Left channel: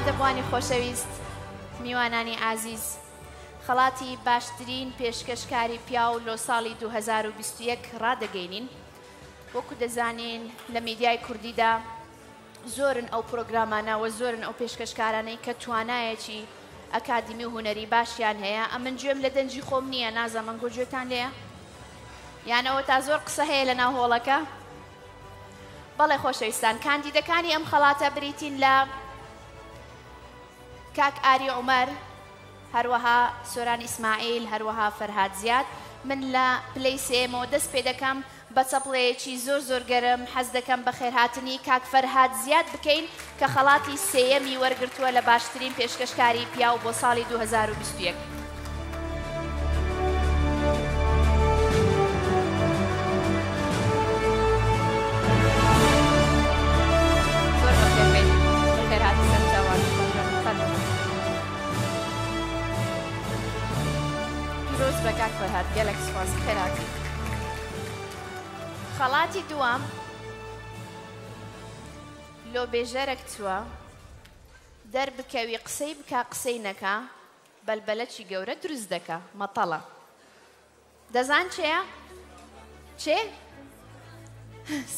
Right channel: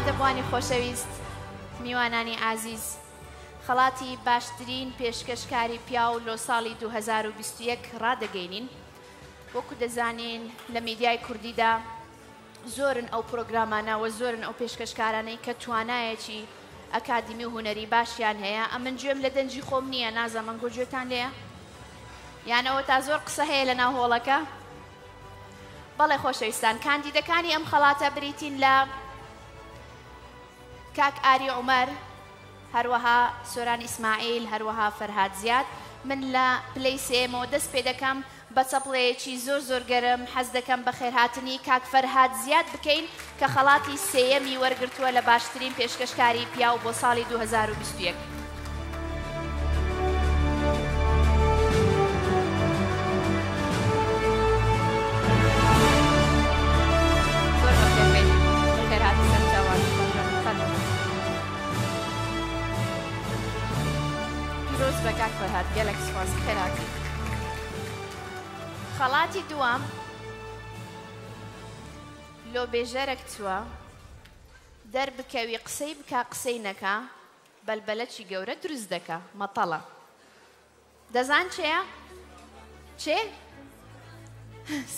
ئامادەبوانی خۆشەویست میوانانی عزیز خەڵاتی باشترین پێشکەشکاری پیاو لۆ ساڵی 2021 ڕادەگەینین وەکو دەزانین لە میدیای کوردیدا زۆرن ئەو پرۆگرامانەوە زۆرن ئەو پێشکەشکارانەی کە توانایەکی ئەکادمی و هونەری باشیان هەیە ئەمن گوێم لە دەنجی خۆم نییە نازەمەن گۆگوێتان لێە یانەوە تا زۆر قسە هەیە لە ناو هۆڵەکە بەڵێ خۆشەویستان کاندیدەکانی ئەم خەڵاتە بریتین لە کاک ئاری عومەر هەروەها سۆران ئیسماعیل هەروەها فەرهاد زیاد من لە پلەی سێمەوە دەست پێ دەکەم بە چەپڵەیەکی زۆر زۆر گەرم حەز دەکەم بە خێرهاتنی کاک فەرهاد زیاد بکەین کە خەڵاتی سێیەمی وەرگرتووە لە باشترین پێشکەشکاری پیاو بۆ ساڵی 2021 خەڵاتی دووەم لۆ بێژەرێک چووە دەربکەوی قسەی بکا قسەی نەکا بەلبەلەکی گەورە دروست دەکا مەتەڵە دەزان چێە؟ چێ؟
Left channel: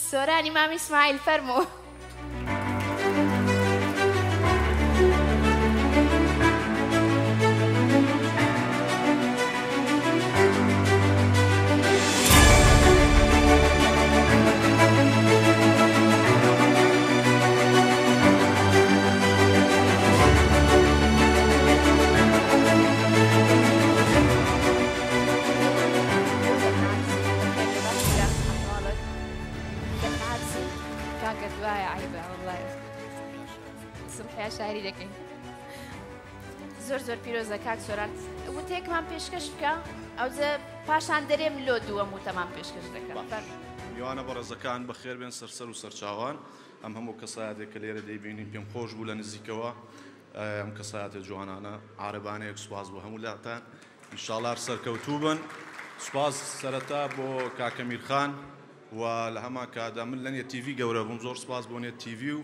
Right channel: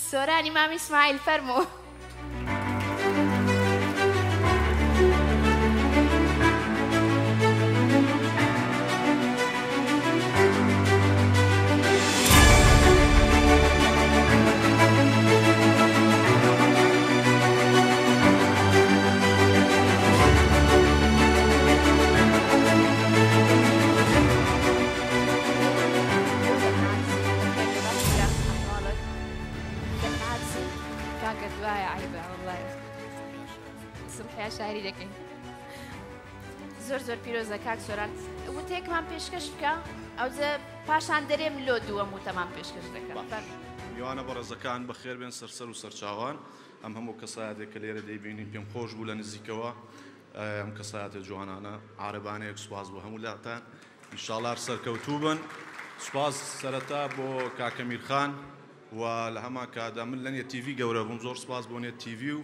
سۆرانی مامی ئیسماعیل فەرموو زۆر پیرۆزە کاک سۆران وتێکمان پێشکەش بکە ئەوجە پاشان دەرێم لۆ دووەم وتەمان پێشکەش دەکەم میوانە بەڕێزەکان بەخێر بێن سەرسەر و سەرچاوان ئەم هەموو کەسایەتێک کە لێرە دەیبینین پێم خۆش بوو لە نزیکەوە ئەم کەسایەتە جوانانە عارەبانەیەک سوپاس بۆ هەموو لاتان ئینشاڵڵا سەرکەوتوو بن سوپاس سەرەتا بۆ کاکە میرخان و لە هەمان کادا من لە نێت تیڤی گەورە بووم زۆر سوپاس بۆ نێت تیڤی و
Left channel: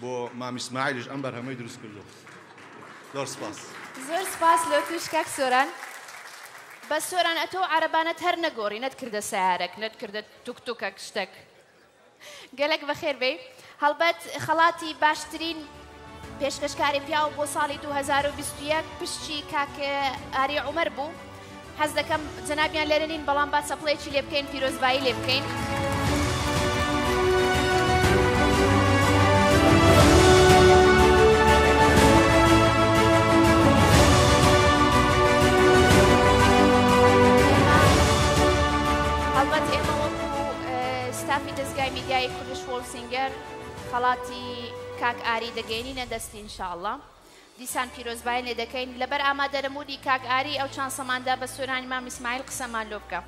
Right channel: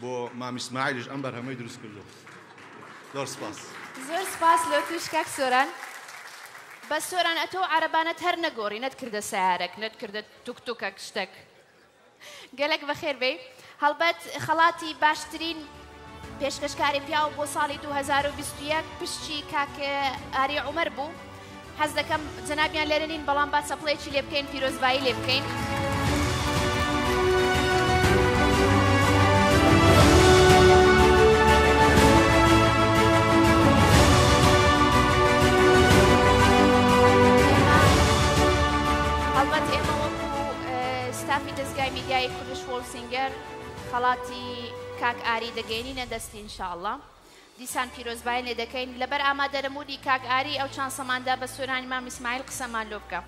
بۆ مامی ئیسماعیلیش ئەم بەرهەمەی دروست کردو زۆر سپاس زۆر سپاس لۆ توش کاک سۆران بە سۆران ئەتۆ عەرەبانەت هەر نەگۆڕی نەتکردە سەیارەک نەتکردە توکتوکەک شتێک گەلێک بەخێر بێ هەڵبەت خەڵاتی باشترین پێشکەشکاری پیاو بۆ ساڵی 2021 پشتی کاک ئاری عومەر بوو حەز دەکەم جەنابیان لێرە نین بەڵام با چەپڵەیەکی لێ بکەین پیرۆزبایی لێ بکەین خەڵاتی کاک ئاری دەگەینینە دەستی ئینشاءڵڵا دیسان پیرۆزبایی لێ دەکەین لەبەر ئامادەرەموودی کاک ئاری ئەو چانسەماندا بە سۆرانی مامی ئیسماعیل قسەمان لۆ بکە